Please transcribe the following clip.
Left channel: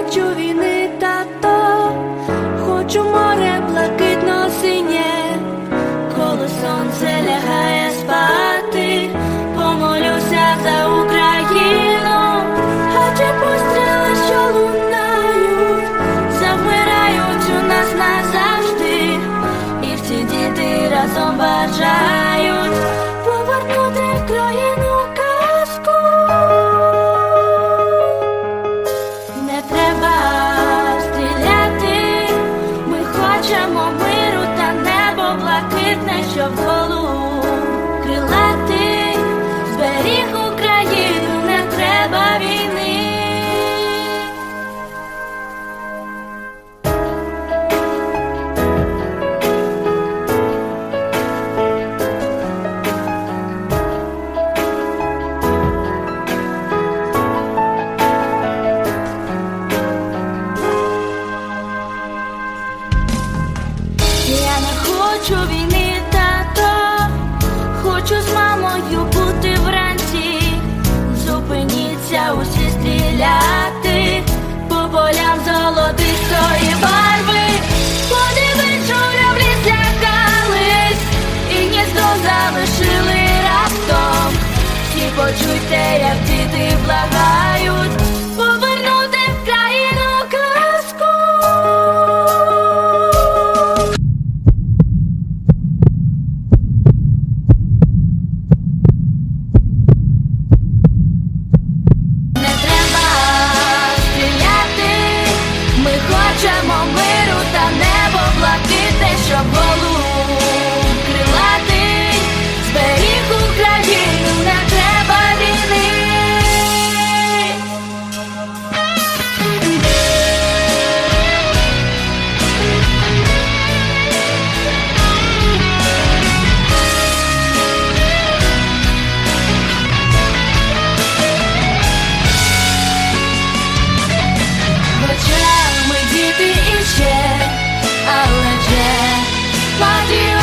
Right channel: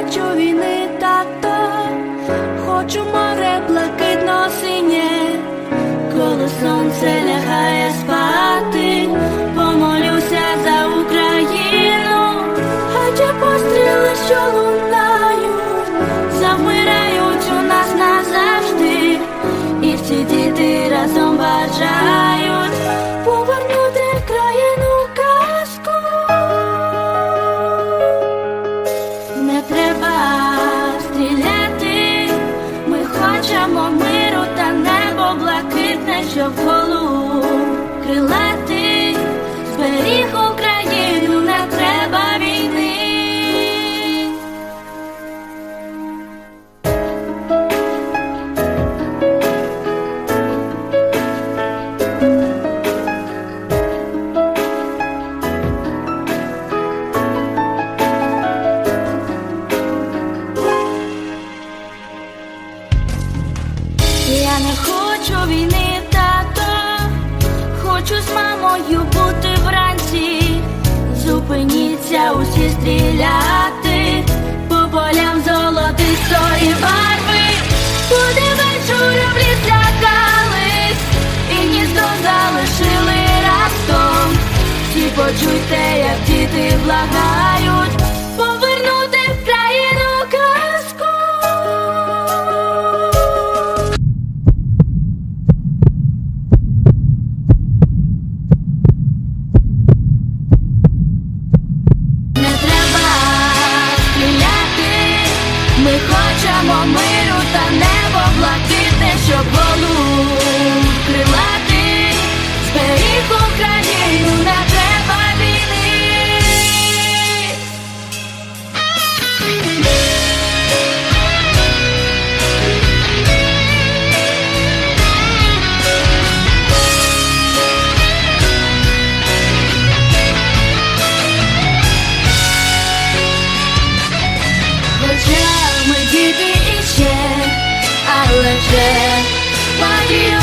хочу війни, тато, хочу море блакитно синє, коли сонце лягає спати, помолюся за Україну, а ті постріли, що лунають, завмирають у нас назавжди, і всі діти разом бажають Треба стріляти, ми хочемо миру та небо блакитне, щоб голу крилати, зберіг Я не хочу війни, тато, хочу з мамою бути вранці. Зупиніться усі стріляти по полям золотистої барви. Подивись, журавлі злякались, і гніздо залишили раптом. Всі почуйте, як діти благають, хочемо миру та небо блакитне, діти іще, але вже треба